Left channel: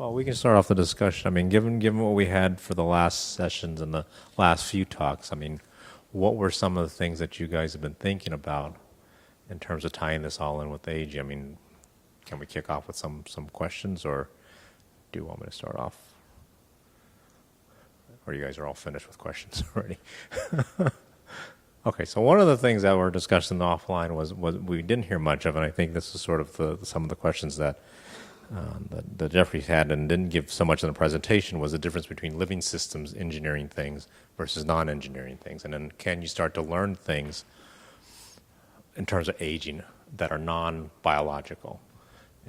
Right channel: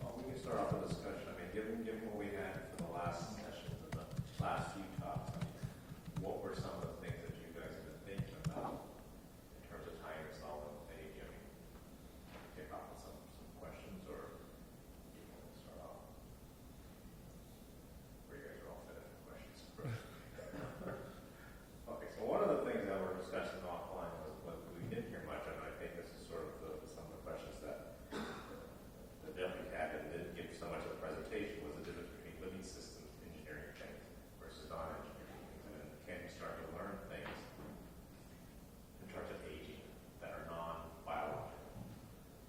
Well, we can start off the discussion. I mean, given what we had for the last sessions and the last few talks, I mean, what were some of the things that you guys have been thinking about in terms of tying this all in with age? I mean, can we kick off with some questions, or do you want me to start off? Or you guys are all finished with questions already? Okay, so one of the things that were discussed in the offline was we didn't hear much of, and I think this is sort of some of the questions that Jeffrey had and didn't give so much in the presentation, was the difference between living systems engineering things versus non-engineering things. And then can you start to learn things in terms of aging that are non-biological?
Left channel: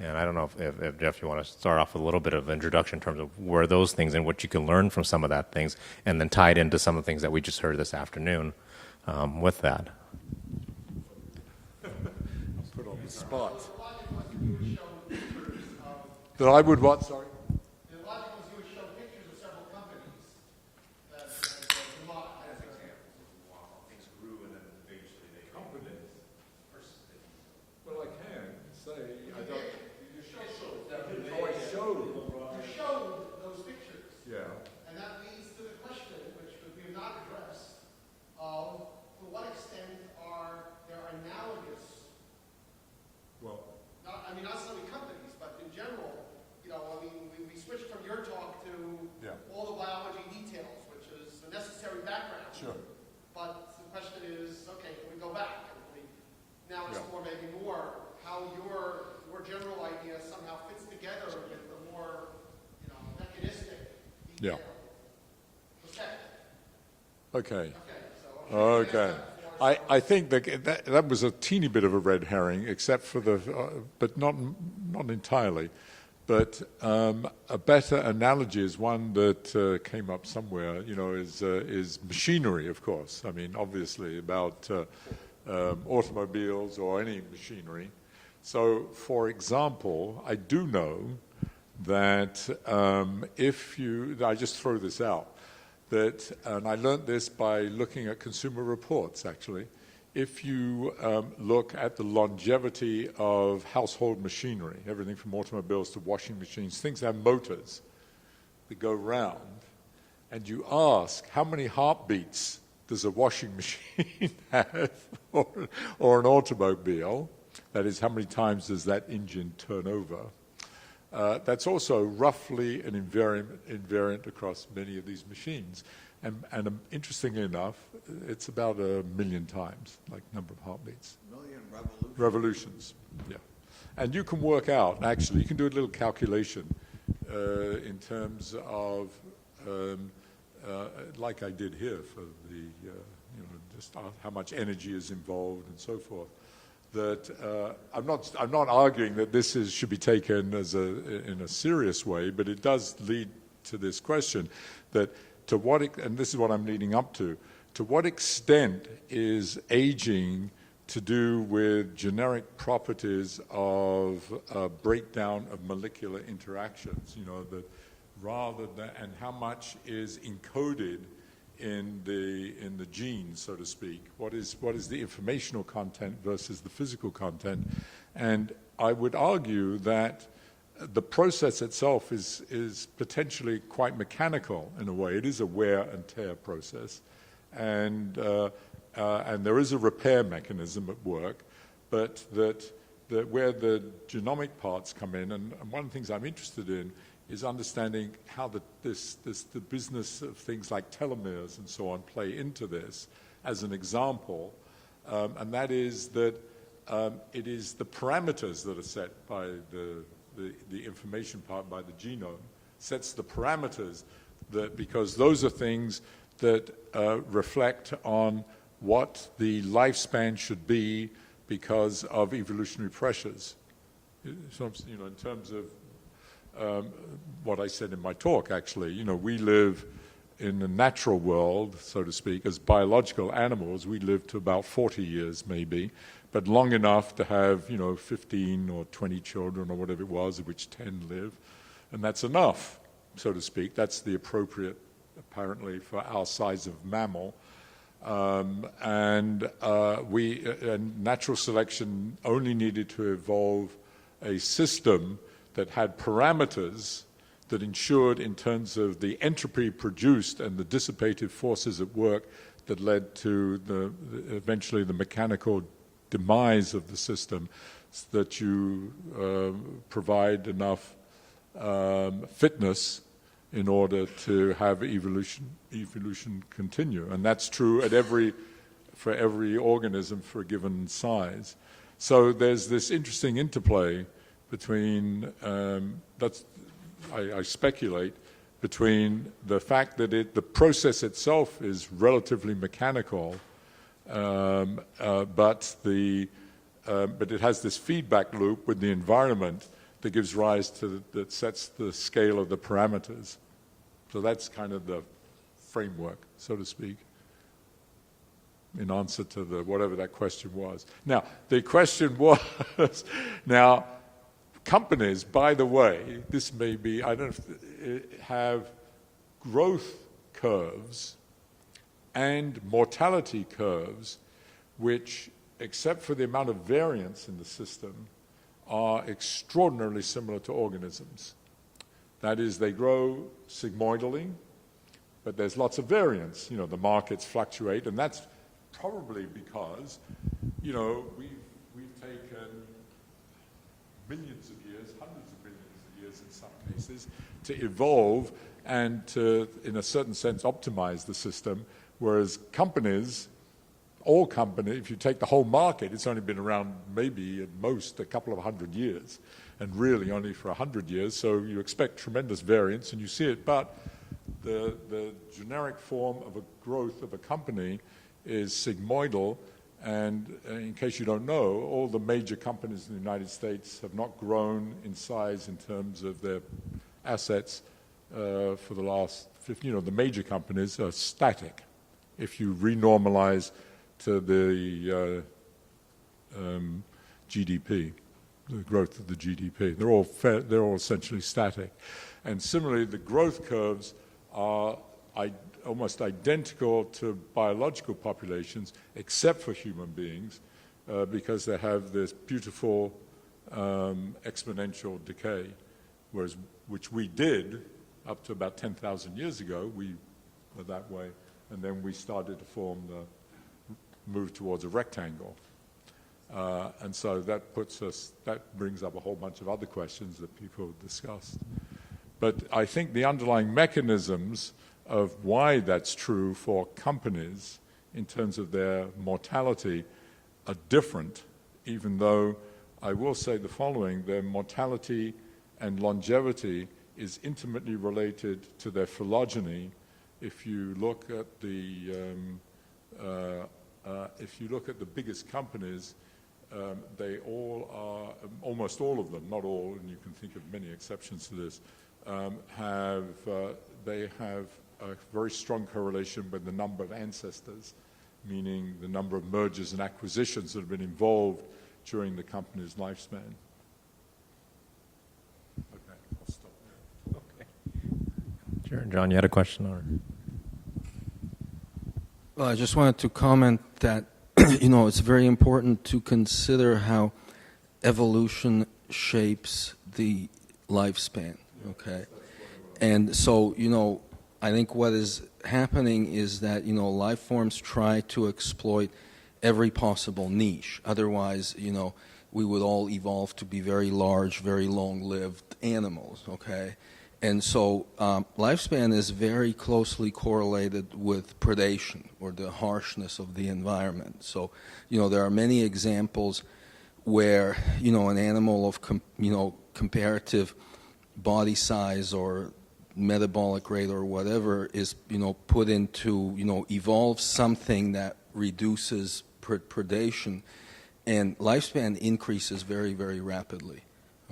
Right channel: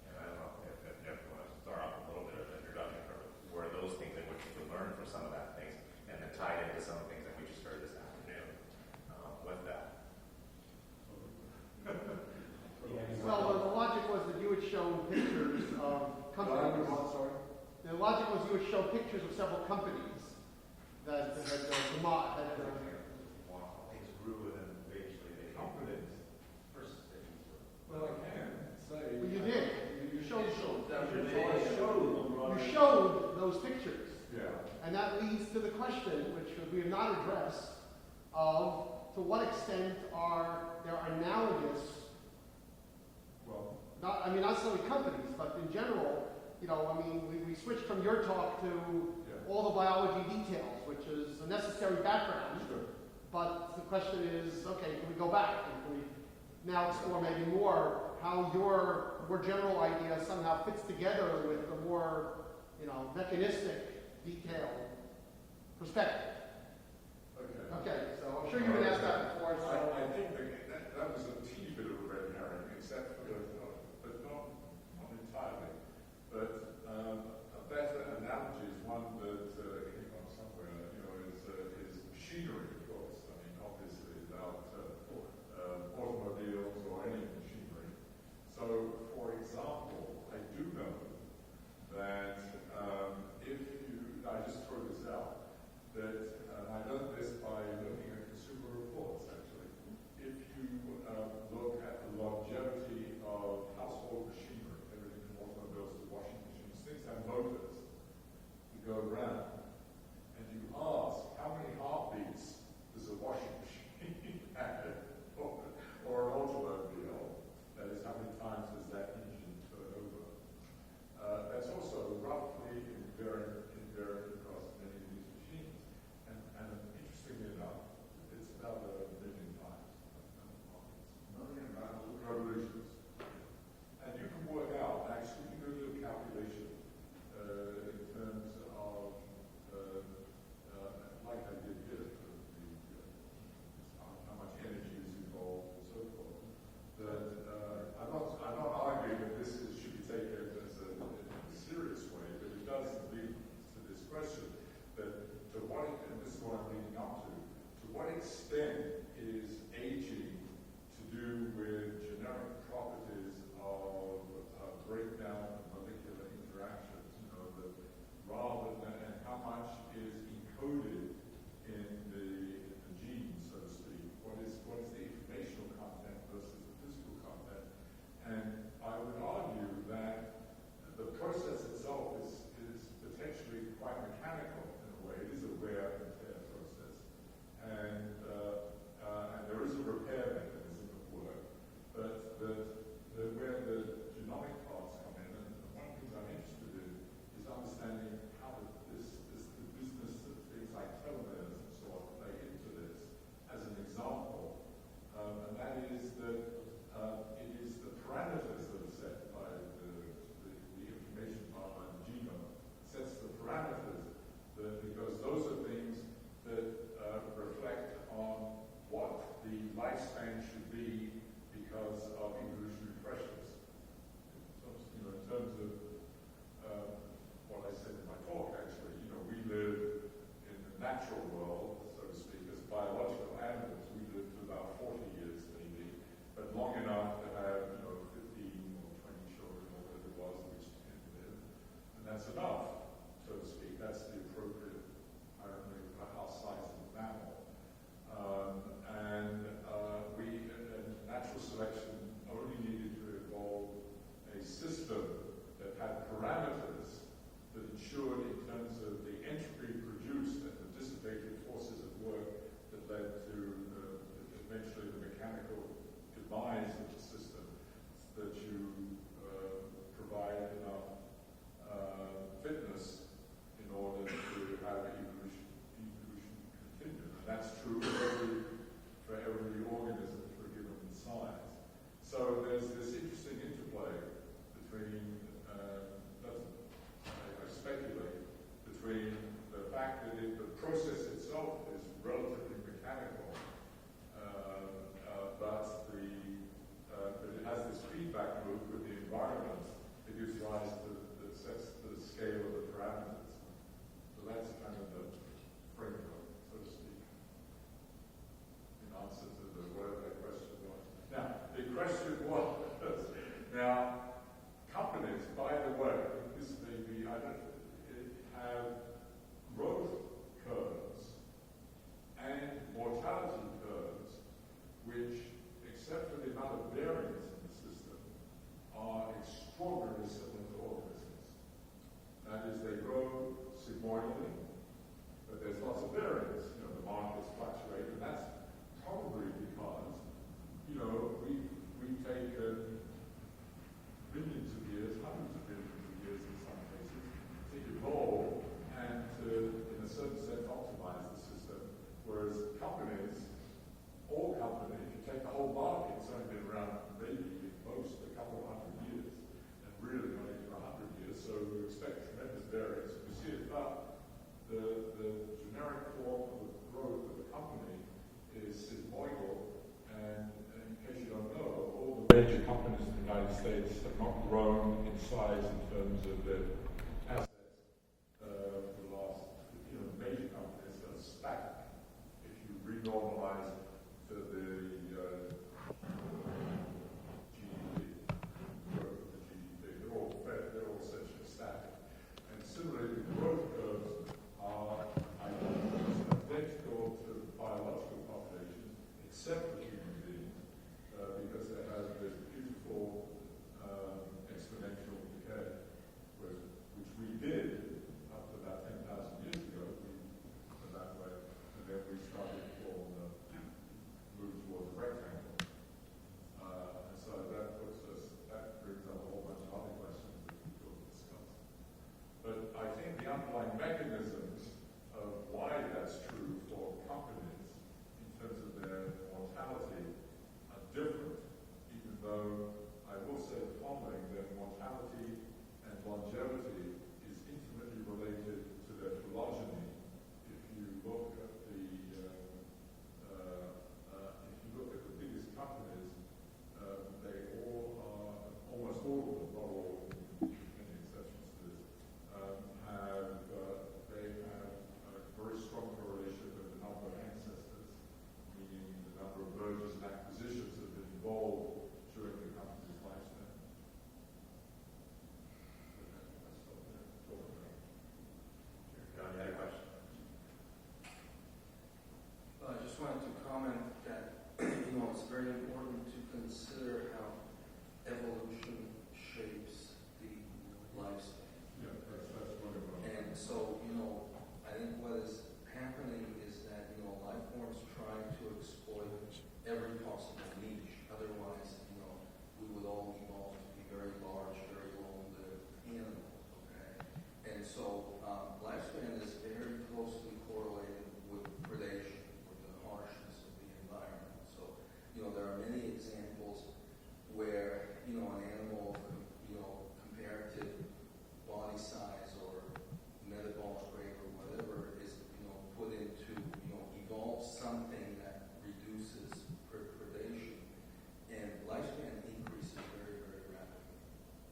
And I don't know if Jeff, you want to start off with a little bit of introduction in terms of where those things and what you can learn from some of that things, and then tie it into some of the things that we just heard this afternoon with that. Well, the logic was that you would show pictures of... That I would what, sorry? The logic was you would show pictures of several companies that Well, I can say... You did. You showed those pictures. Yeah. And that leads to the question, which we have not addressed, of to what extent are there analogous, Well, not necessarily companies, but in general, we switched from your talk to all the biology details, which is a necessary background. sure. But the question is, okay, can we go back and can we now explore maybe more how your general idea somehow fits together with the more, mechanistic, detailed perspective? Okay. Okay, so I'll show you Okay. I think that was a teeny bit of a red herring, except for but not entirely. But a better analogy is one that came up somewhere, is machinery, of course. I mean, obviously, about automobiles or any machinery. So, for example, I do know that I just throw this out, and I learned this by looking at Consumer Reports, actually. If you look at the longevity of household machinery, everything from automobiles to washing machines, things that have motors that go round, and you ask, how many heartbeats does a washing machine have, or an automobile? That is, how many times does that engine turn over? That's also roughly an invariant across many of these machines. And interestingly enough, it's about 1 million times, like number of heartbeats. Revolutions, yeah. And you can work out, actually, you can do a little calculation in terms of, like I did here for just how much energy is involved and so forth. That I'm not arguing that this should be taken in a serious way, but it does lead to this question that and this is what I'm leading up to what extent is aging to do with generic properties of breakdown of molecular interactions, and how much is encoded in the genes, so to speak. What is the informational content versus the physical content? And I would argue that the process itself is potentially quite mechanical in a way. It is a wear and tear process, and there is a repair mechanism at work, but that where the genomic parts come in, and one of the things I'm interested in is understanding how the business of things like telomeres and so on play into this as an example, and that is that it is the parameters that are set by the information part by the genome, sets the parameters because those are things that reflect on what the lifespan should be because of evolutionary pressures. So, in terms of what I said in my talk, actually, we live in the natural world, so to speak, as biological animals. We live to about 40 years, maybe, but long enough to have, 15 or 20 children or whatever it was, of which 10 live, and that's enough, so to speak. That's the appropriate, apparently, for our size of mammal. And natural selection only needed to evolve a system that had parameters that ensured in terms of the entropy produced and the dissipative forces at work that led to eventually the mechanical demise of the system, that you provide enough fitness in order to have evolution continue. And that's true for every organism for a given size. So there's this interesting interplay between, I speculate, between the fact that the process itself is relatively mechanical, but it has this feedback loop with the environment that gives rise to, that sets the scale of the parameters. So that's kind of the framework, so to speak, in answer to whatever that question was. Now, the question was, now, companies, by the way, this may be, I don't know, have growth curves and mortality curves which, except for the amount of variance in the system, are extraordinarily similar to organisms. That is, they grow sigmoidally, but there's lots of variance. You know, the markets fluctuate, and that's probably because, you know, we've taken millions of years, hundreds of millions of years in some cases, to evolve and to, in a certain sense, optimize the system, whereas companies, all companies, if you take the whole market, it's only been around maybe at most a couple of 100 years, and really only for 100 years, so you expect tremendous variance, and you see it, but the generic form of a growth of a company is sigmoidal, and in case you don't know, all the major companies in the United States have not grown in size in terms of their assets for the last 50, you know, the major companies are static. If you renormalize to the GDP, the growth of the GDP, they're all essentially static. And similarly, the growth curves are almost identical to biological populations, except for human beings, because they have this beautiful exponential decay, which we did up to about 10,000 years ago. We were that way, and then we started to move towards a rectangle. And so that brings up a whole bunch of other questions that people discussed. But I think the underlying mechanisms of why that's true for companies in terms of their mortality are different, even though I will say the following: their mortality and longevity is intimately related to their phylogeny. If you look at the biggest companies, they all are, almost all of them, not all, and you can think of many exceptions to this, they have a very strong correlation with the number of ancestors, meaning the number of mergers and acquisitions that have been involved during the company's lifespan. Okay, I'll stop there. Okay. Sure. John, you had a question? Or? Well, I just wanted to comment that, you know, it's very important to consider how evolution shapes the lifespan, okay? And so, you know, I think what is happening is that, you know, life forms try to exploit every possible niche. Otherwise, you know, we would all evolve to be very large, very long-lived animals, okay? And so lifespan is very closely correlated with predation, or the harshness of the environment. So, you know, there are many examples where, you know, an animal of, comparative body size or metabolic rate or whatever is, you know, put into, you know, evolves something that reduces predation, and lifespan increases very, very rapidly,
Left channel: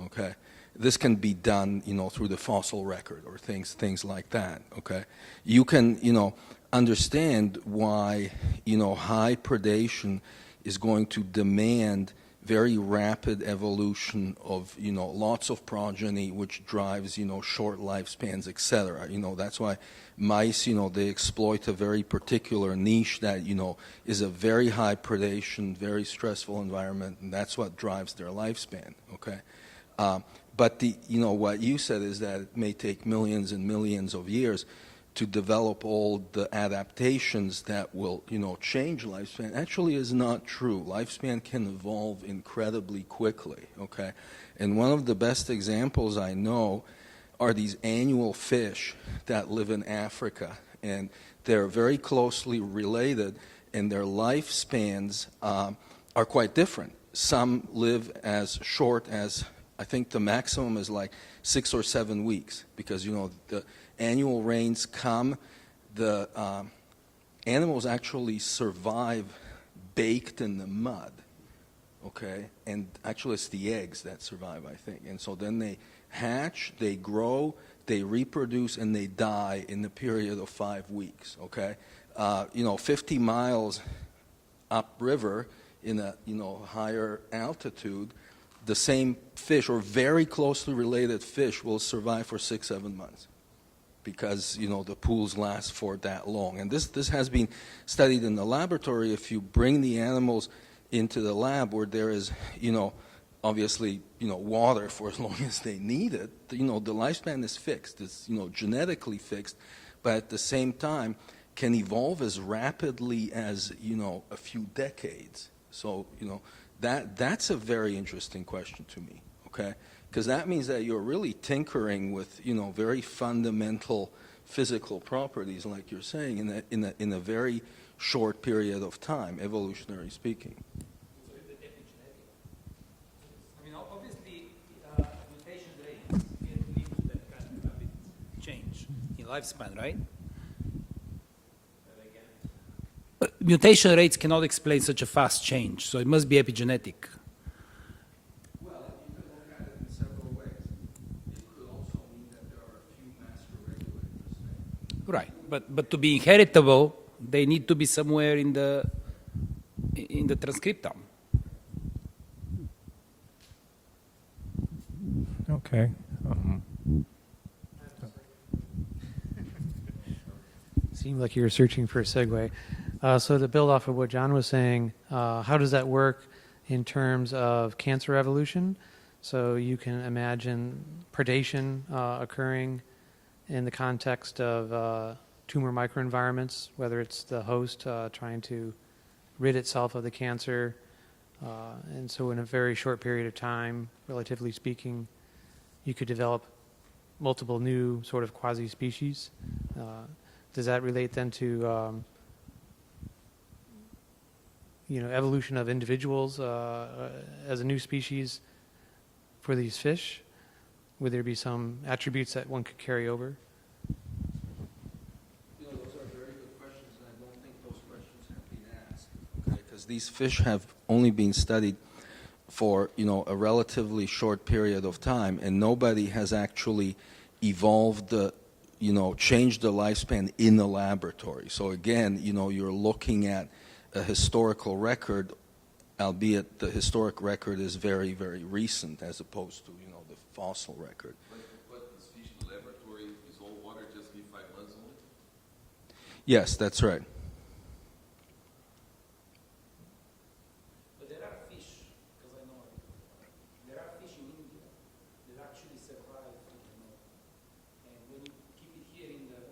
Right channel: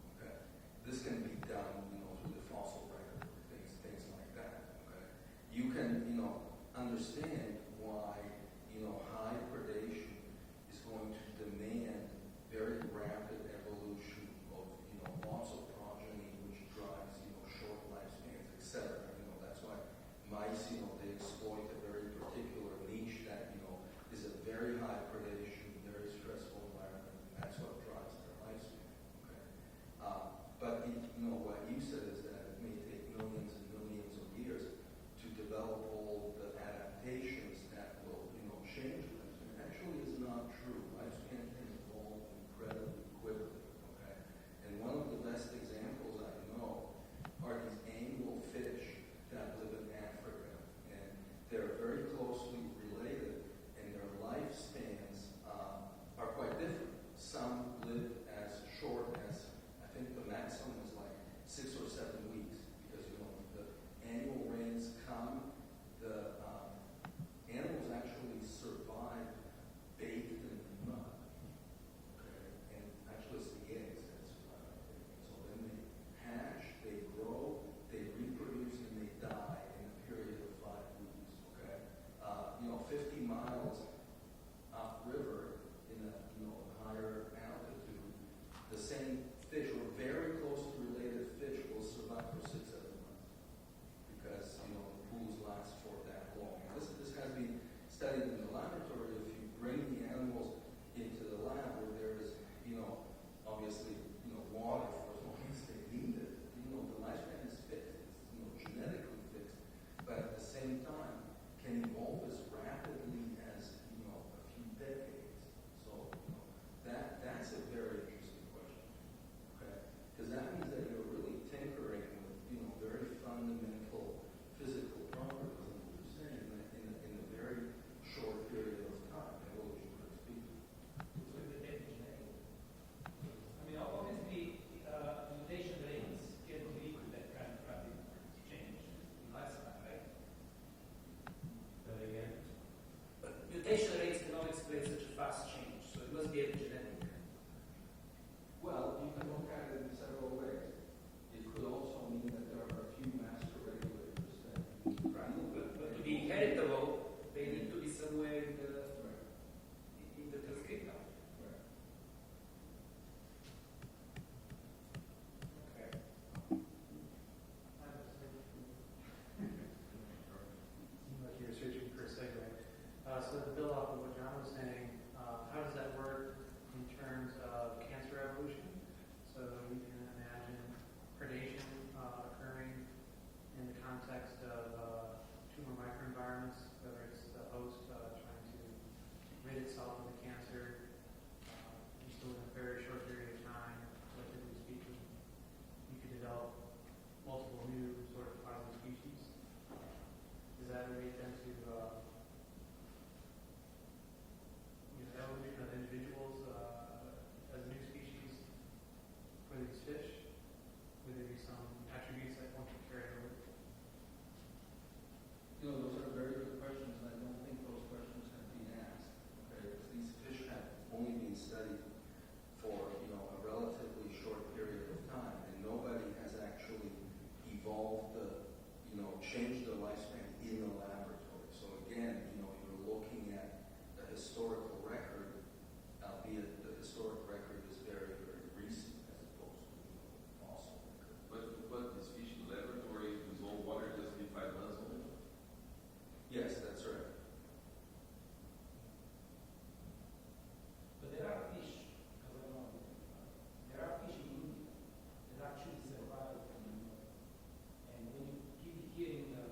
okay? This can be done, you know, through the fossil record or things like that, okay? You can, you know, understand why, you know, high predation is going to demand very rapid evolution of, you know, lots of progeny, which drives, you know, short lifespans, etc. You know, that's why mice, you know, they exploit a very particular niche that, you know, is a very high predation, very stressful environment, and that's what drives their lifespan, okay? But what you said is that it may take millions and millions of years to develop all the adaptations that will, change lifespan. Actually is not true. Lifespan can evolve incredibly quickly, okay? And one of the best examples I know are these annual fish that live in Africa. And they're very closely related, and their lifespans are quite different. Some live as short as, I think the maximum is like 6 or 7 weeks, because, the annual rains come, the animals actually survive baked in the mud, okay? And actually it's the eggs that survive, I think. And so then they hatch, they grow, they reproduce, and they die in the period of 5 weeks, okay? 50 miles upriver in a, higher altitude, the same fish or very closely related fish will survive for 6-7 months because, the pools last for that long. And this has been studied in the laboratory. If you bring the animals into the lab where there is, obviously, water for as long as they need it, the lifespan is fixed. It's, genetically fixed, but at the same time can evolve as rapidly as, a few decades. So, that's a very interesting question to me, okay? Because that means that you're really tinkering with, very fundamental physical properties, like you're saying, in a very short period of time, evolutionary speaking. Lifespan, right? Mutation rates cannot explain such a fast change, so it must be epigenetic. Well, you can look at it in several ways. It could also mean that there are a few master regulators there. Right, but to be inheritable, they need to be somewhere in the transcriptome. Okay. Seemed like you were searching for a segue. So to build off of what John was saying, how does that work in terms of cancer evolution? So you can imagine predation occurring in the context of tumor microenvironments, whether it's the host trying to rid itself of the cancer. And so in a very short period of time, relatively speaking, you could develop multiple new sort of quasi-species. Does that relate then to evolution of individuals as a new species for these fish? Would there be some attributes that one could carry over? Those are very good questions, and I don't think those questions have been asked. Okay? Because these fish have only been studied for a relatively short period of time, and nobody has actually evolved changed the lifespan in the laboratory. So again, you're looking at a historical record, albeit the historic record is very, very recent as opposed to, the fossil record. But this fish in the laboratory is all water just be 5 months old? Yes, that's right. But there are fish, because I know there are fish in India that actually survive, and when you keep it here in the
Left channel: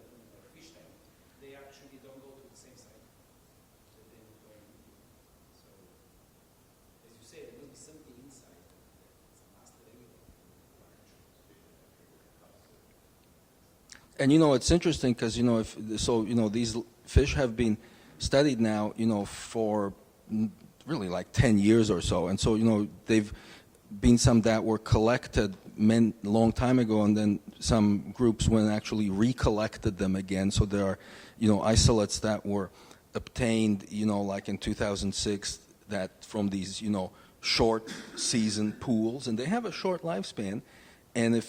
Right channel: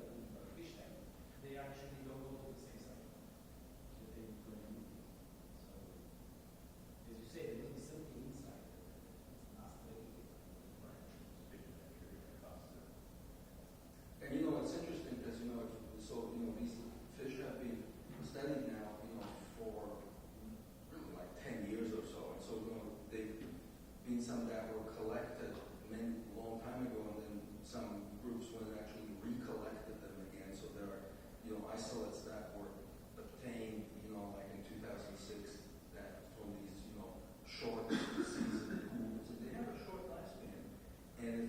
fish tank, they actually don't go to the same site. So they go in. So, as you say, there is something inside. It's master regulator. And it's interesting because these fish have been studied now for really like 10 years or so, and so they've been some that were collected long time ago, and then some groups went and actually recollected them again. So there are isolates that were obtained like in 2006 that from these short season pools, and they have a short lifespan. And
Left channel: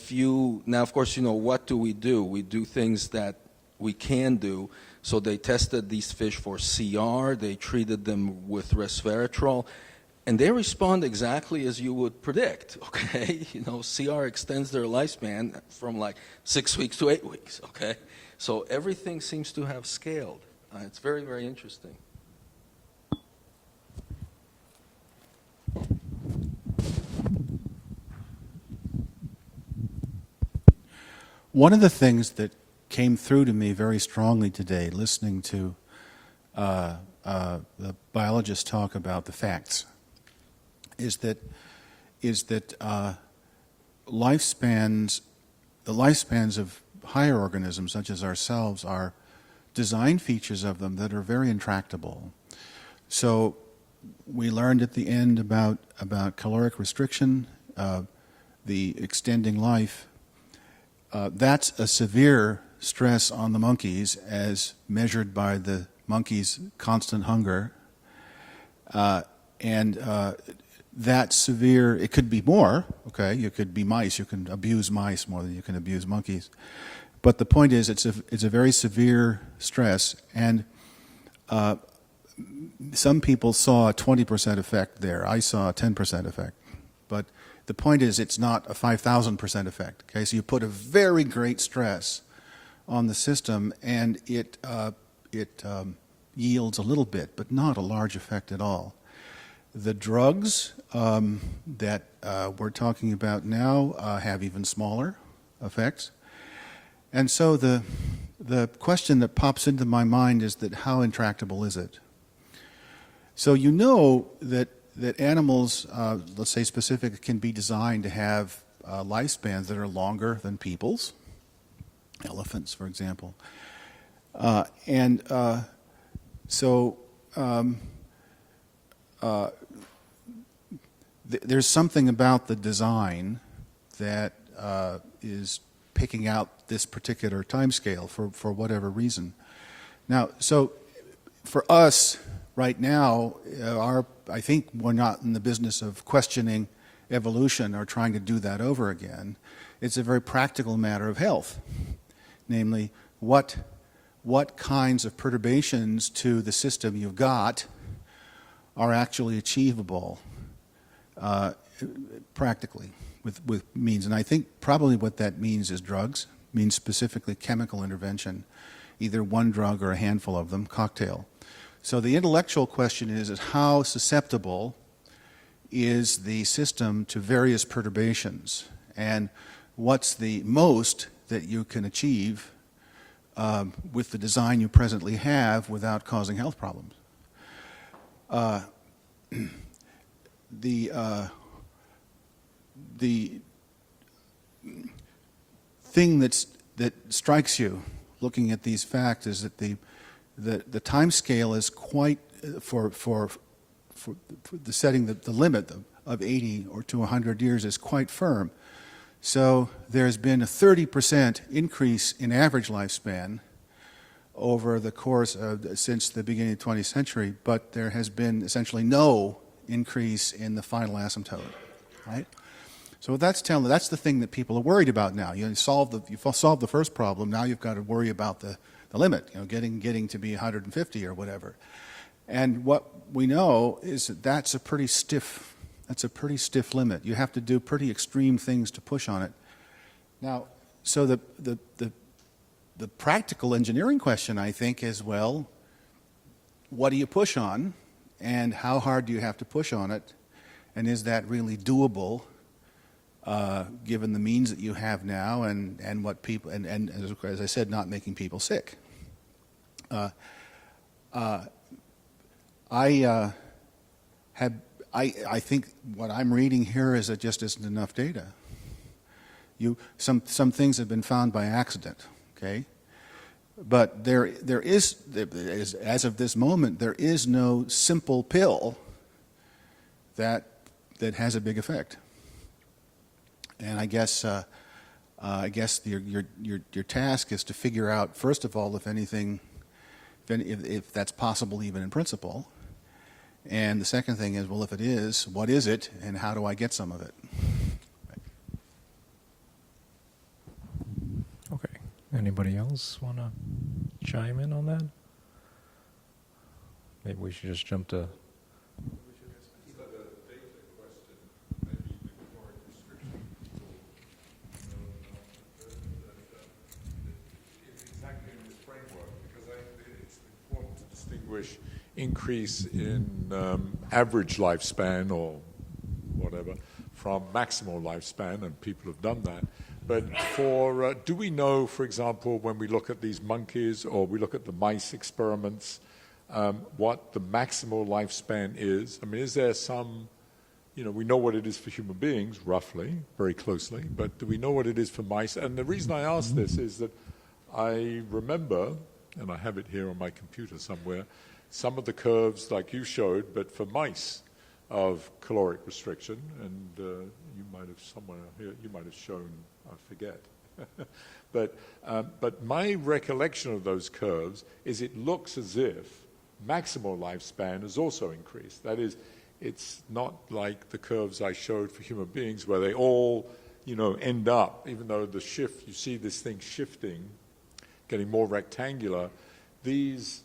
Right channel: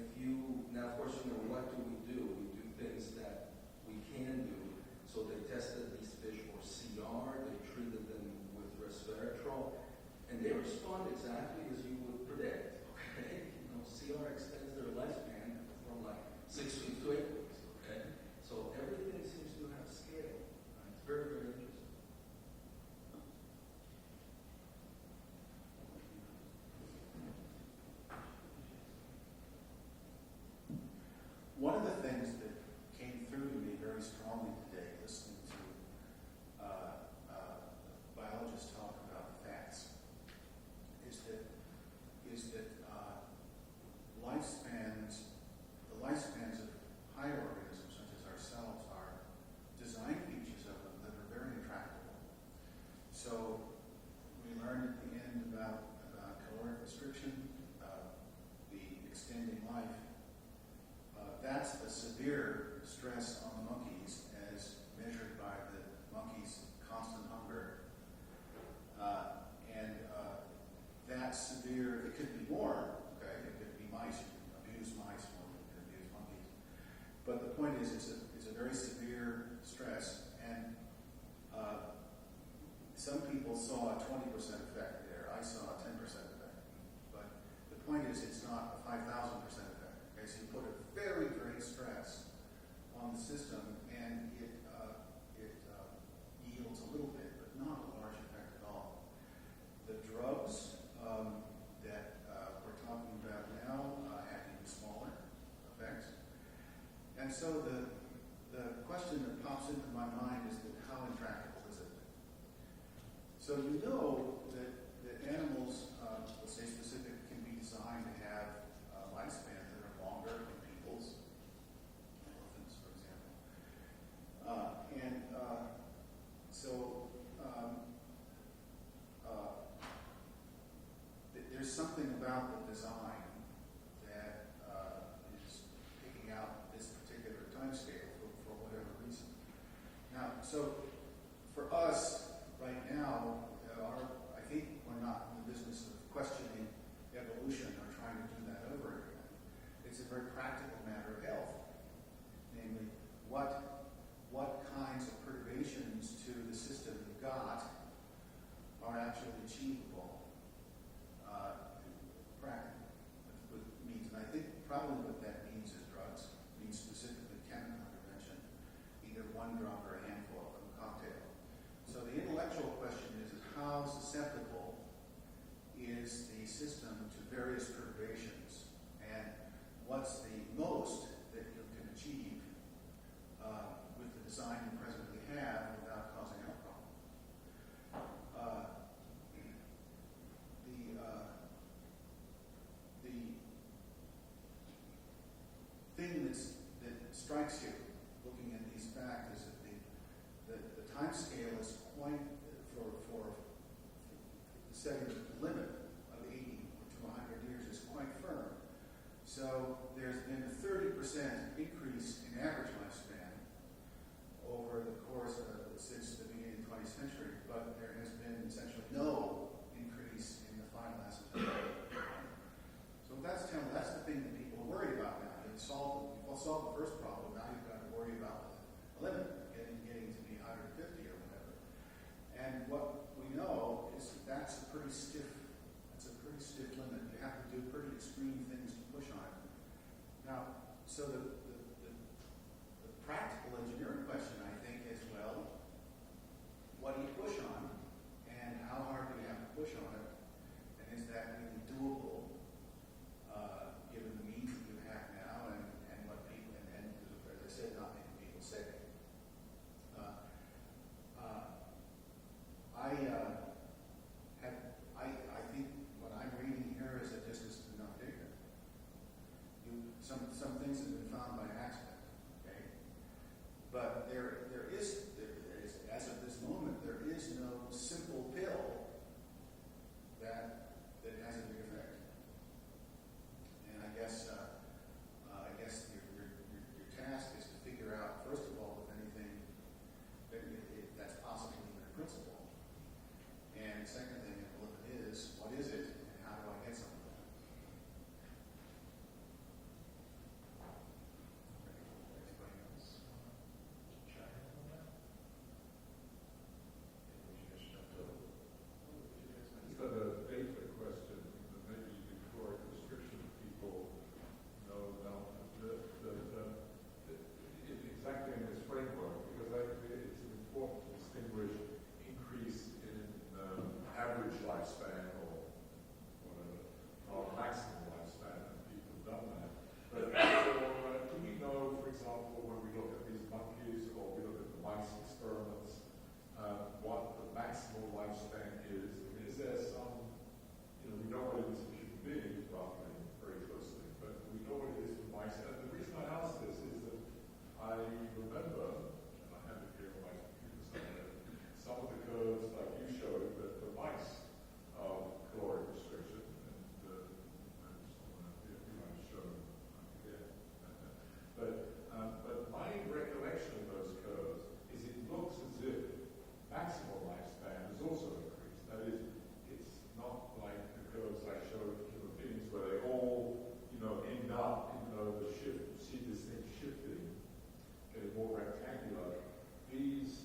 now of course, what do? We do things that we can do. So they tested these fish for CR, they treated them with resveratrol, and they respond exactly as you would predict, okay? CR extends their lifespan from like 6 weeks to 8 weeks, okay? So everything seems to have scaled. It's very, very interesting. one of the things that came through to me very strongly today, listening to the biologists talk about the facts, is that lifespans, the lifespans of higher organisms such as ourselves are design features of them that are very intractable. So we learned at the end about caloric restriction, the extending life. That's a severe stress on the monkeys as measured by the monkeys' constant hunger. That severe, it could be more, okay? You could be mice, you can abuse mice more than you can abuse monkeys. But the point is, it's a very severe stress, and some people saw a 20% effect there. I saw a 10% effect. But the point is, it's not a 5,000% effect, okay? So you put a very great stress on the system, and it yields a little bit, but not a large effect at all. The drugs that we're talking about now have even smaller effects. And so the question that pops into my mind is that how intractable is it? So you know that animals, let's say specific, can be designed to have lifespans that are longer than people's, elephants, for example. There's something about the design that is picking out this particular time scale for whatever reason. Now, so for us right now, I think we're not in the business of questioning evolution or trying to do that over again. It's a very practical matter of health, namely what kinds of perturbations to the system you've got are actually achievable practically with means. And I think probably what that means is drugs, means specifically chemical intervention, either one drug or a handful of them, cocktail. So the intellectual question is how susceptible is the system to various perturbations, and what's the most that you can achieve with the design you presently have without causing health problems. The thing that strikes you looking at these facts is that the time scale is quite, for the setting the limit of 80 or to 100 years is quite firm. So there's been a 30% increase in average lifespan over the course of since the beginning of the 20th century, but there has been essentially no increase in the final asymptote, right? So what that's telling, that's the thing that people are worried about now. You solve the first problem, now you've got to worry about the limit, getting to be 150 or whatever. And what we know is that that's a pretty stiff limit. You have to do pretty extreme things to push on it. Now, so the practical engineering question, I think, is, well, what do you push on, and how hard do you have to push on it, and is that really doable given the means that you have now and what people, and as I said, not making people sick. I think what I'm reading here is that just isn't enough data. Some things have been found by accident, okay? But there is, as of this moment, there is no simple pill that has a big effect. And I guess your task is to figure out, first of all, if that's possible even in principle. And the second thing is, well, if it is, what is it, and how do I get some of it? Okay. Anybody else want to chime in on that? Maybe we should just jump to... Increase in average lifespan or whatever from maximal lifespan, and people have done that. But for, do we know, for example, when we look at these monkeys or we look at the mice experiments, what the maximal lifespan is? I mean, is there some, you know, we know what it is for human beings, roughly, very closely, but do we know what it is for mice? And the reason I ask this is that I remember, and I have it here on my computer somewhere, some of the curves like you showed, but for mice of caloric restriction, and you might have somewhere here, you might have shown, I forget. But my recollection of those curves is it looks as if maximal lifespan has also increased. That is, it's not like the curves I showed for human beings where they all, you know, end up, even though the shift, you see this thing shifting, getting more rectangular, these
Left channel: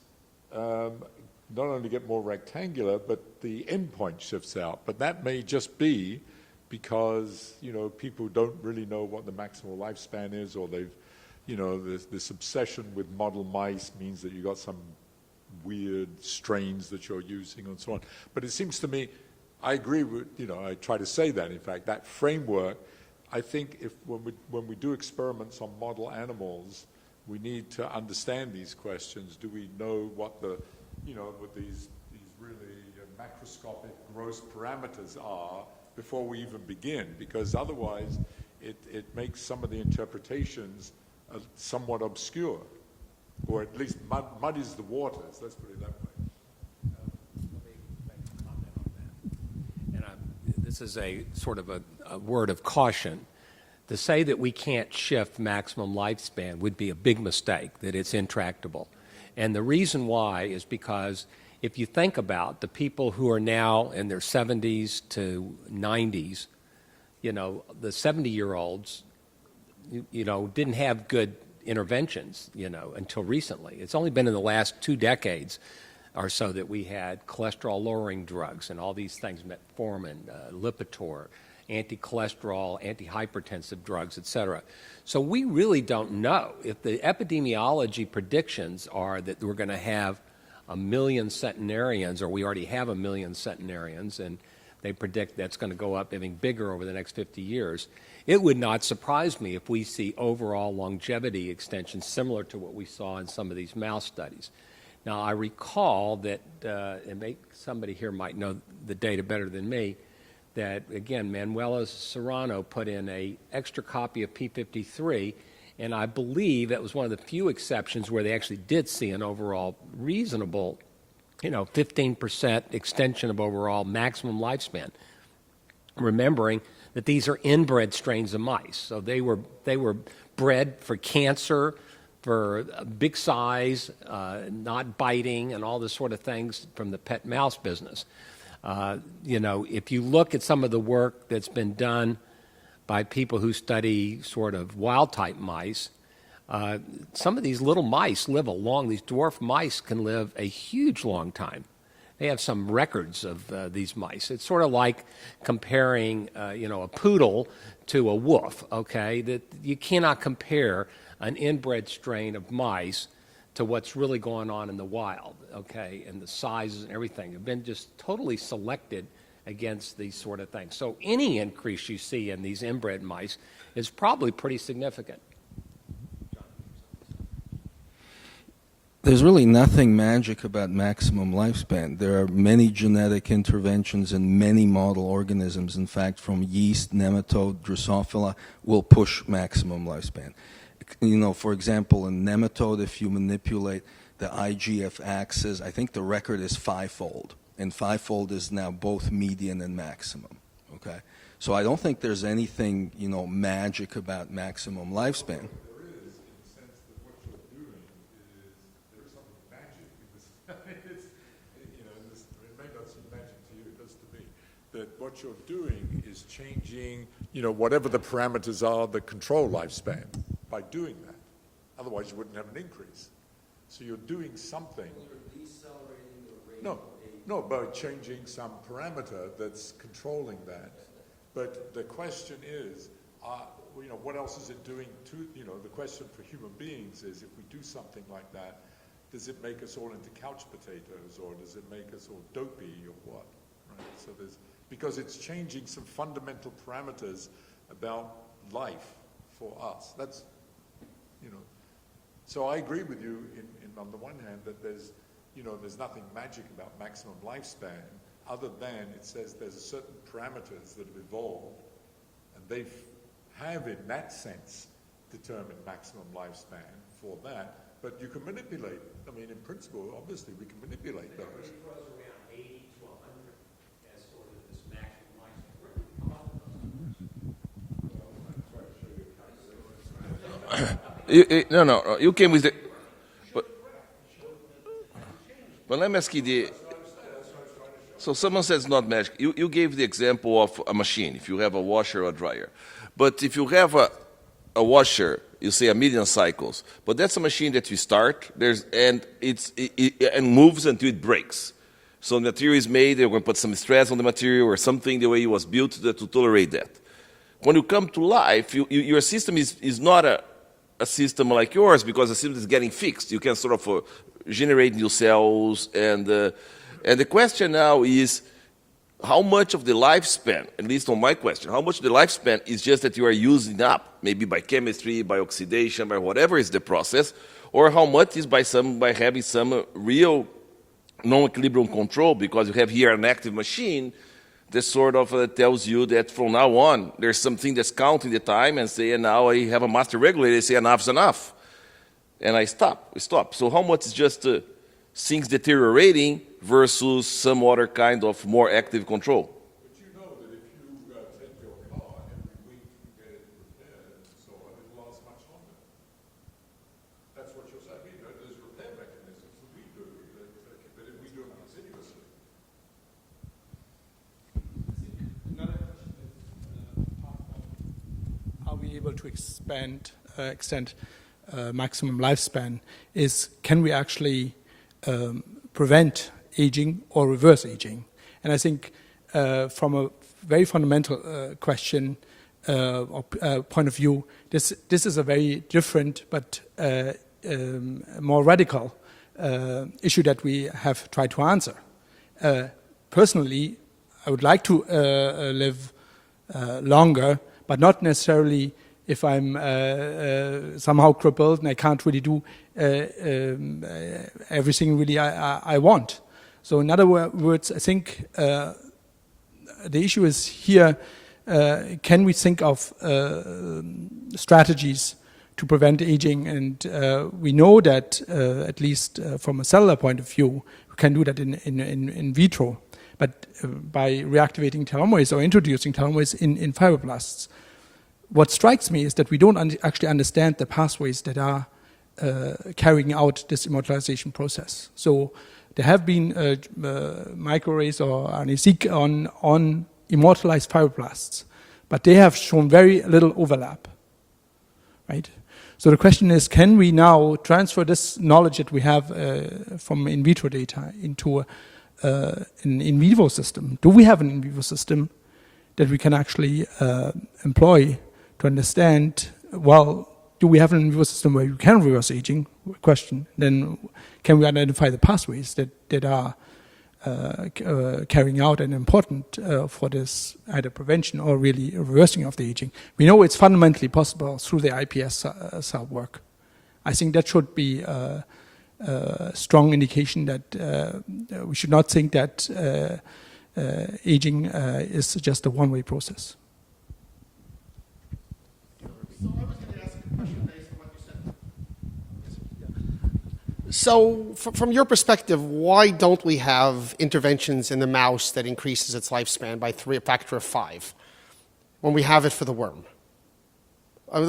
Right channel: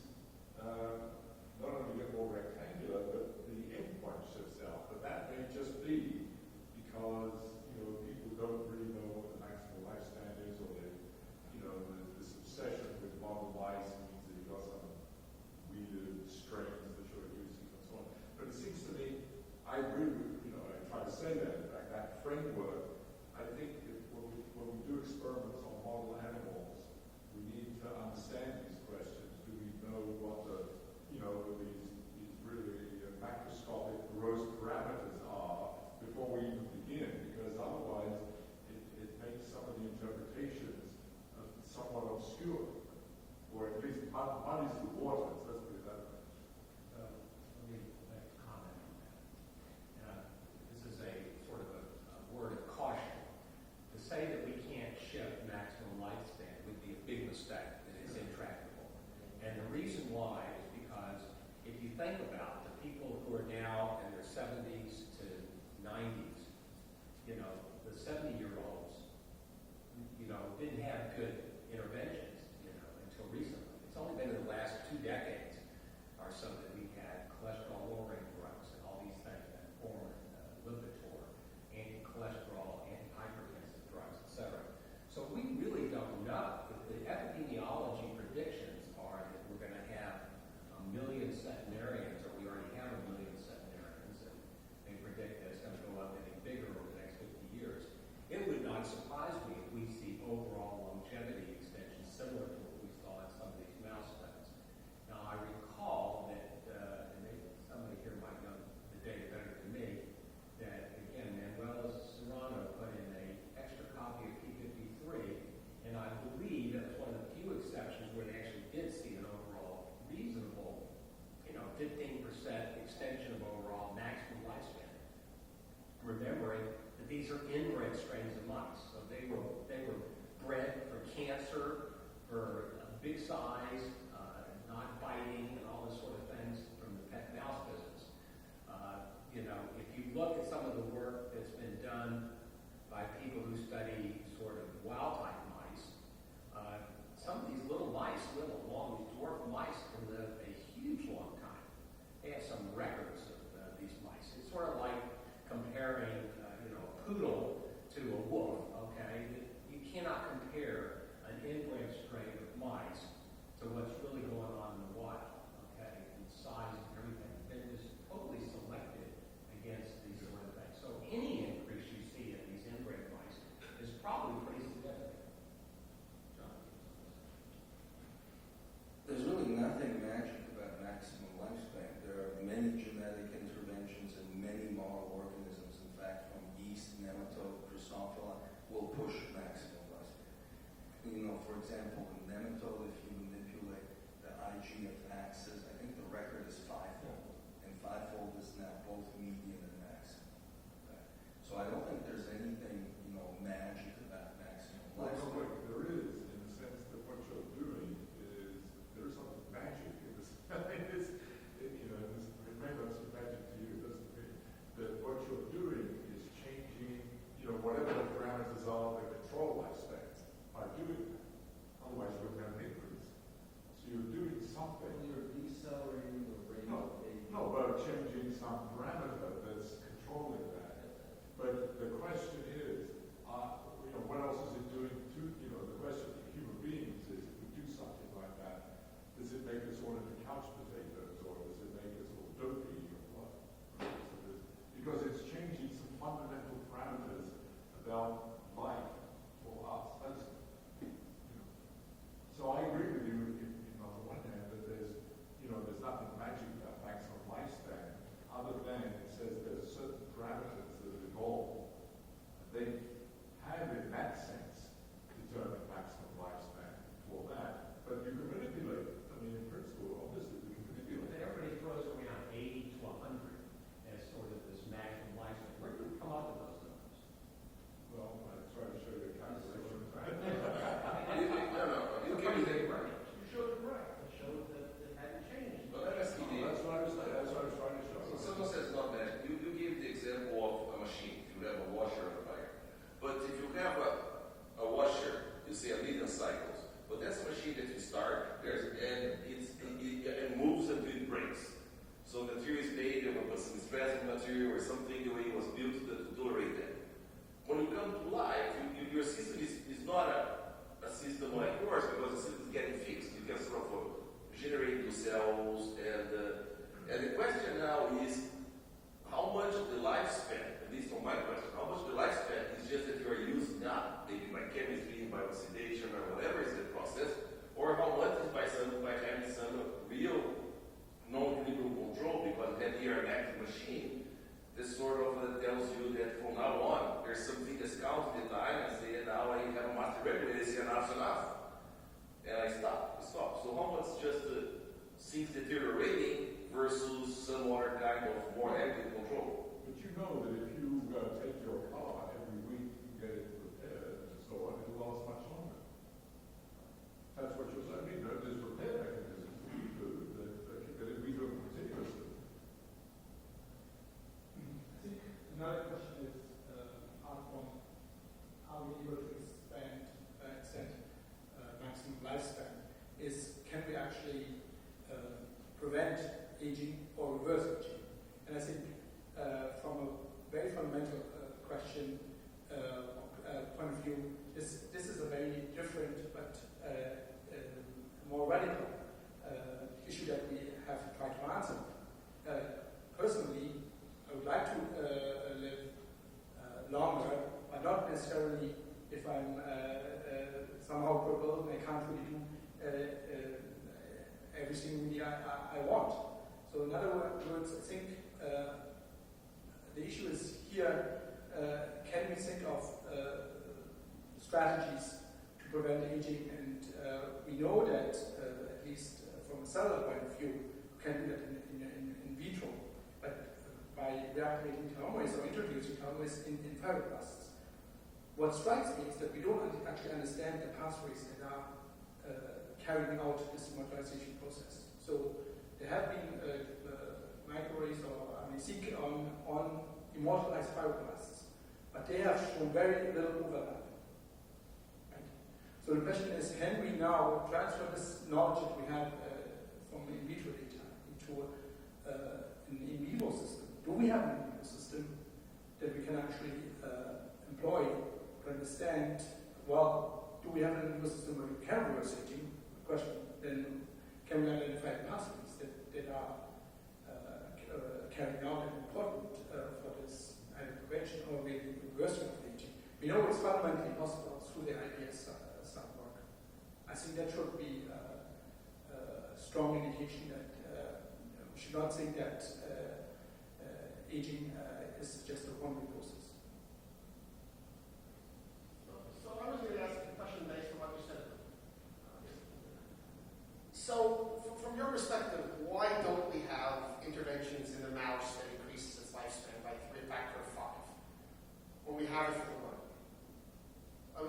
not only get more rectangular, but the endpoint shifts out. But that may just be because, you know, people don't really know what the maximal lifespan is, or they've, you know, this obsession with model mice means that you've got some weird strains that you're using and so on. But it seems to me, I agree with, you know, I try to say that, in fact, that framework, I think if when we do experiments on model animals, we need to understand these questions. Do we know what the, you know, what these really macroscopic gross parameters are before we even begin? Because otherwise it makes some of the interpretations somewhat obscure, or at least muddies the waters, let's put it that way. And this is a sort of a word of caution. To say that we can't shift maximum lifespan would be a big mistake, that it's intractable. And the reason why is because if you think about the people who are now in their 70s to 90s, you know, the 70-year-olds, you know, didn't have good interventions, you know, until recently. It's only been in the last 2 decades or so that we had cholesterol-lowering drugs and all these things, metformin, Lipitor, anti-cholesterol, anti-hypertensive drugs, et cetera. So we really don't know. If the epidemiology predictions are that we're going to have 1 million centenarians, or we already have 1 million centenarians, and they predict that's going to go up even bigger over the next 50 years, it would not surprise me if we see overall longevity extension similar to what we saw in some of these mouse studies. Now, I recall that, and somebody here might know the data better than me, that, again, Manuela Serrano put in an extra copy of P53, and I believe that was one of the few exceptions where they actually did see an overall reasonable, you know, 15% extension of overall maximum lifespan, remembering that these are inbred strains of mice. So they were bred for cancer, for big size, not biting, and all this sort of things from the pet mouse business. You know, if you look at some of the work that's been done by people who study sort of wild-type mice, some of these little mice live these dwarf mice can live a huge long time. They have some records of these mice. It's sort of like comparing, you know, a poodle to a wolf, okay? That you cannot compare an inbred strain of mice to what's really going on in the wild. Okay, and the sizes and everything have been just totally selected against these sort of things. So any increase you see in these inbred mice is probably pretty significant. There's really nothing magic about maximum lifespan. There are many genetic interventions in many model organisms. In fact, from yeast, nematode, Drosophila, will push maximum lifespan. You know, for example, in nematode, if you manipulate the IGF axis, I think the record is 5-fold, and 5-fold is now both median and maximum, okay? So I don't think there's anything, you know, magic about maximum lifespan. There is, in the sense that what you're doing is, there's some magic in this. I mean, you know, it may not seem magic to you, it doesn't mean that what you're doing is changing, you know, whatever the parameters are, the control lifespan, by doing that. Otherwise, you wouldn't have an increase. So you're doing something. You're decelerating the rate. No, by changing some parameter that's controlling that. But the question is, you know, what else is it doing to, you know, the question for human beings is, if we do something like that, does it make us all into couch potatoes, or does it make us all dopey, or what? Right? So because it's changing some fundamental parameters about life for us. That's, so I agree with you on the one hand that there's nothing magic about maximum lifespan other than it says there's certain parameters that have evolved and they have in that sense determined maximum lifespan for that, but you can manipulate. I mean, in principle, obviously, we can manipulate those. It throws around 80 to 100 as sort of this maximum lifespan. Where do we come up with those numbers? Well, I'm trying to show you a calculation. No. You came with the. But let me ask you the. So someone says not magic. You gave the example of a machine. If you have a washer or a dryer, but if you have a washer, you say 1 million cycles. But that's a machine that you start. It moves until it breaks. So the material is made. They're going to put some stress on the material or something the way it was built to tolerate that. When you come to life, your system is not a system like yours because the system is getting fixed. You can sort of generate new cells, and the question now is how much of the lifespan, at least on my question, how much of the lifespan is just that you are using up, maybe by chemistry, by oxidation, by whatever is the process, or how much is by having some real non-equilibrium control, because you have here an active machine that sort of tells you that from now on, there's something that's counting the time and say, and now I have a master regulator, say enough's enough. And I stop. So how much is just things deteriorating versus some other kind of more active control? But you know that if you take your car every week, get it repaired and so on, it will last much longer. That's what you're saying. I mean, there's repair mechanisms that we do, that if we do them continuously. Another question is, apart from are we able to extend maximum lifespan, is can we actually prevent aging or reverse aging? And I think from a very fundamental question or point of view, this is a very different but more radical issue that we have tried to answer. Personally, I would like to live longer, but not necessarily if I'm somehow crippled and I can't really do everything really I want. So in other words, I think the issue is here, can we think of strategies to prevent aging? And we know that, at least from a cellular point of view, we can do that in vitro. But by reactivating telomerase or introducing telomerase in fibroblasts, what strikes me is that we don't actually understand the pathways that are carrying out this immortalization process. So there have been microarrays or RNA-seq on immortalized fibroblasts, but they have shown very little overlap, right? So the question is, can we now transfer this knowledge that we have from in vitro data into an in vivo system? Do we have an in vivo system that we can actually employ to understand, well, do we have an in vivo system where you can reverse aging? Question. Then can we identify the pathways that are carrying out and important for this either prevention or really reversing of the aging? We know it's fundamentally possible through the iPS cell work. I think that should be a strong indication that we should not think that aging is just a one-way process. So I was going to ask a question based on what you said. So from your perspective, why don't we have interventions in the mouse that increases its lifespan by a factor of 5 when we have it for the worm? I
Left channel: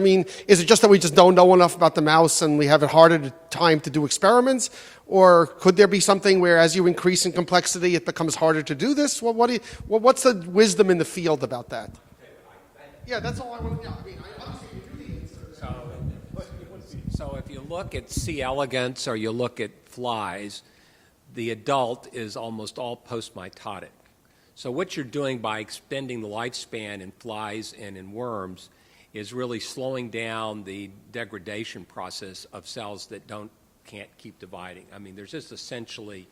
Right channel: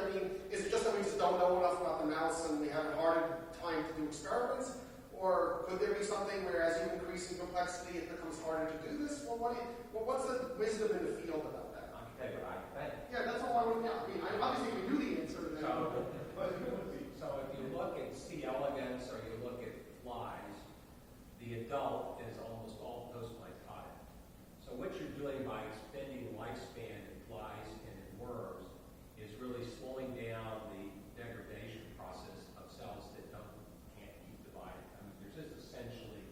mean, is it just that we just don't know enough about the mouse and we have a harder time to do experiments? Or could there be something where as you increase in complexity, it becomes harder to do this? What's the wisdom in the field about that? Yeah, that's all I want to know. I mean, obviously we knew the answer. So if you look at C. elegans or you look at flies, the adult is almost all postmitotic. So what you're doing by extending the lifespan in flies and in worms is really slowing down the degradation process of cells that can't keep dividing. I mean, there's just essentially,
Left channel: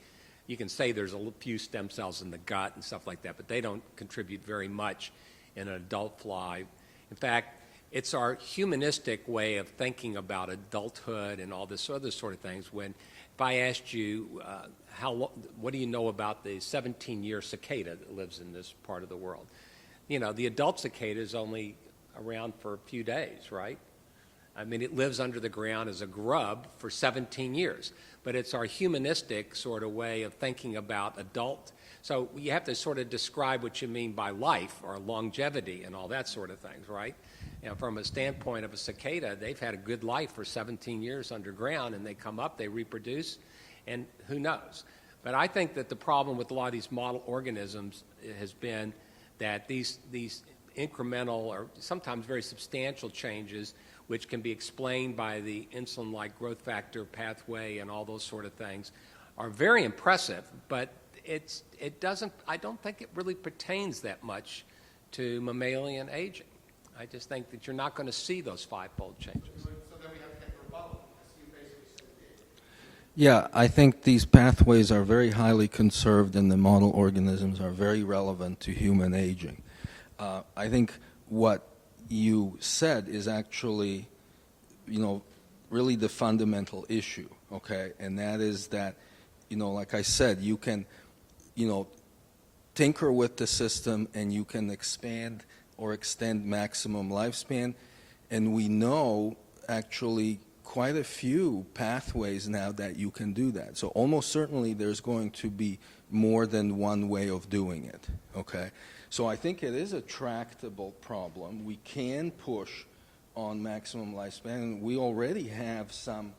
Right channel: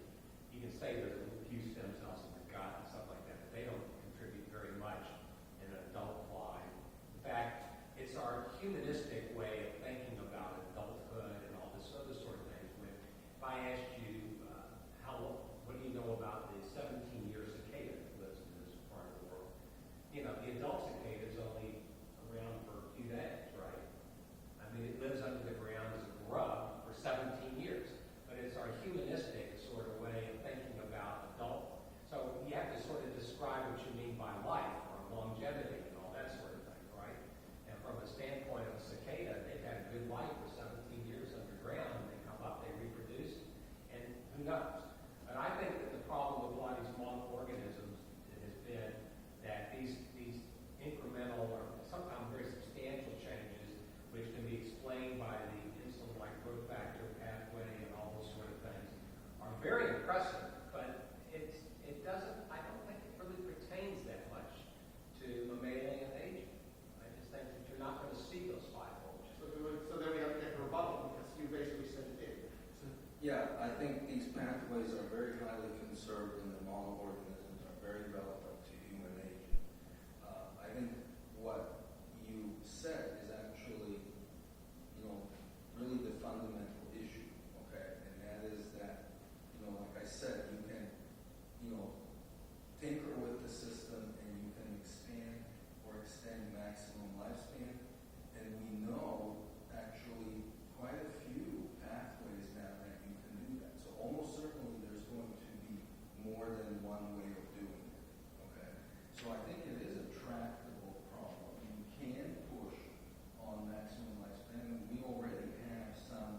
you can say there's a few stem cells in the gut and stuff like that, but they don't contribute very much in an adult fly. In fact, it's our humanistic way of thinking about adulthood and all this other sort of things. When if I asked you, what do you know about the 17-year cicada that lives in this part of the world? You know, the adult cicada is only around for a few days, right? I mean, it lives under the ground as a grub for 17 years. But it's our humanistic sort of way of thinking about adult. So you have to sort of describe what you mean by life or longevity and all that sort of things, right? And from a standpoint of a cicada, they've had a good life for 17 years underground, and they come up, they reproduce, and who knows? But I think that the problem with a lot of these model organisms has been that these incremental or sometimes very substantial changes, which can be explained by the insulin-like growth factor pathway and all those sort of things, are very impressive, but I don't think it really pertains that much to mammalian aging. I just think that you're not going to see those five-fold changes. So then we have to get the rebuttal, because you basically said it did. Yeah, I think these pathways are very highly conserved, and the model organisms are very relevant to human aging. I think what you said is actually, really the fundamental issue, okay? And that is that, like I said, you can, tinker with the system and you can expand or extend maximum lifespan. And we know actually quite a few pathways now that you can do that. So almost certainly there's going to be more than one way of doing it, okay? So I think it is a tractable problem. We can push on maximum lifespan. We already have some,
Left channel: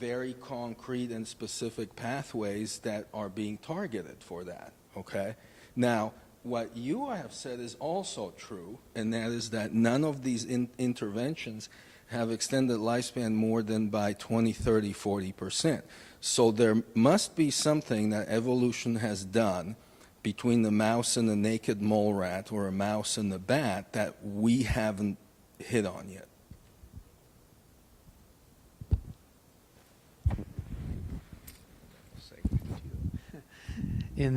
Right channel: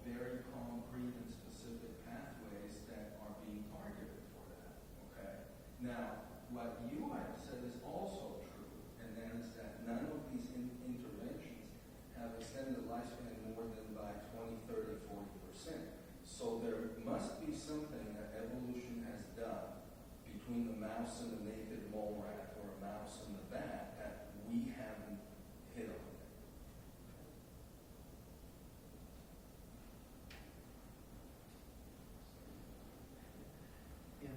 very concrete and specific pathways that are being targeted for that, okay? Now, what you have said is also true, and that is that none of these interventions have extended lifespan more than by 20, 30, 40%. So there must be something that evolution has done between the mouse and the naked mole rat or a mouse and the bat that we haven't hit on yet. In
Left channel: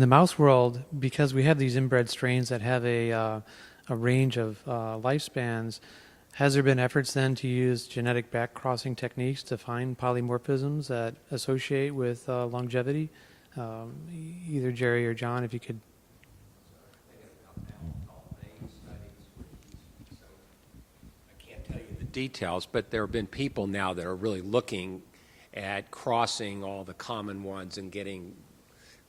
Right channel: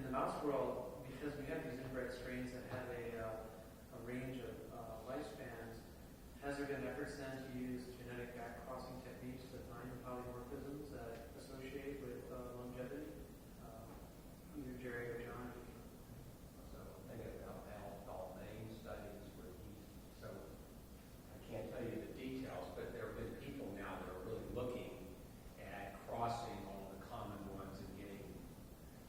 the mouse world, because we have these inbred strains that have a range of lifespans, has there been efforts then to use genetic back-crossing techniques to find polymorphisms that associate with longevity? Either Jerry or John, if you could. I can't tell you the details, but there have been people now that are really looking at crossing all the common ones and getting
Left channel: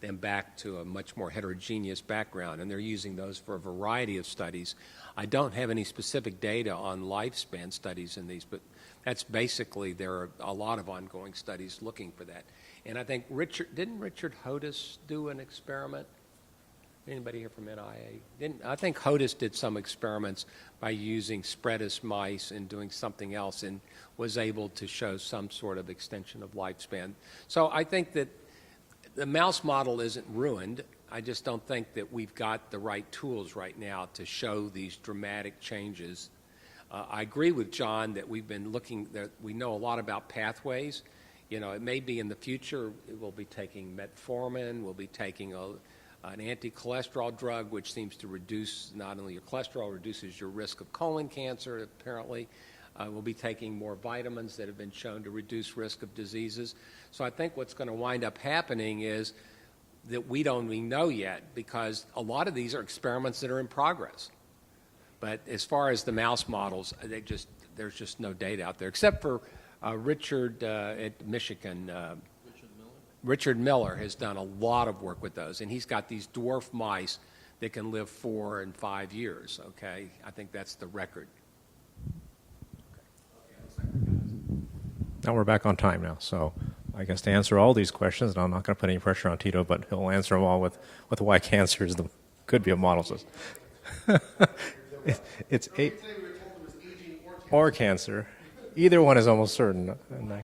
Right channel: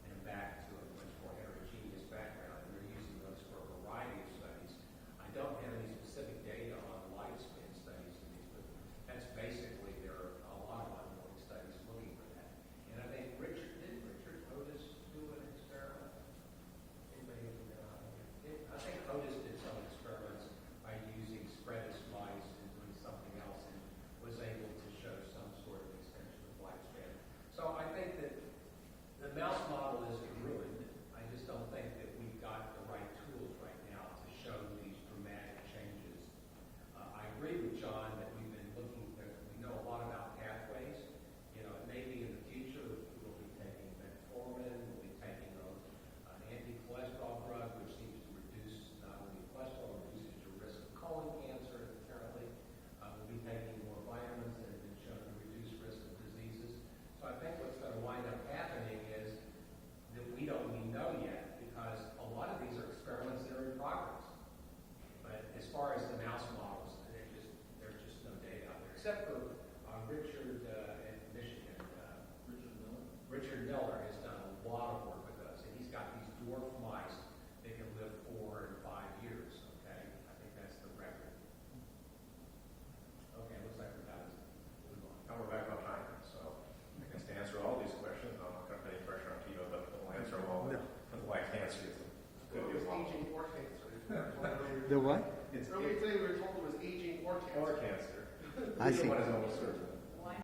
them back to a much more heterogeneous background, and they're using those for a variety of studies. I don't have any specific data on lifespan studies in these, but that's basically, there are a lot of ongoing studies looking for that. And I think didn't Richard Hodis do an experiment? Anybody here from NIA? I think Hodis did some experiments by using spreadus mice and doing something else, and was able to show some sort of extension of lifespan. So I think that the mouse model isn't ruined. I just don't think that we've got the right tools right now to show these dramatic changes. I agree with John that we've been looking, that we know a lot about pathways. It may be in the future we'll be taking metformin, we'll be taking an anti-cholesterol drug, which seems to reduce not only your cholesterol, reduces your risk of colon cancer, apparently. We'll be taking more vitamins that have been shown to reduce risk of diseases. So I think what's going to wind up happening is that we don't even know yet, because a lot of these are experiments that are in progress. But as far as the mouse models, there's just no data out there, except for Richard at Michigan. Richard Miller has done a lot of work with those, and he's got these dwarf mice that can live 4 and 5 years, okay? I think that's the record. Now we're back on time now, so I guess to answer all these questions, and I'm not going to put any pressure on Tito, but he'll answer them all with why cancer could be a model system. It's or cancer. Either one is almost certain.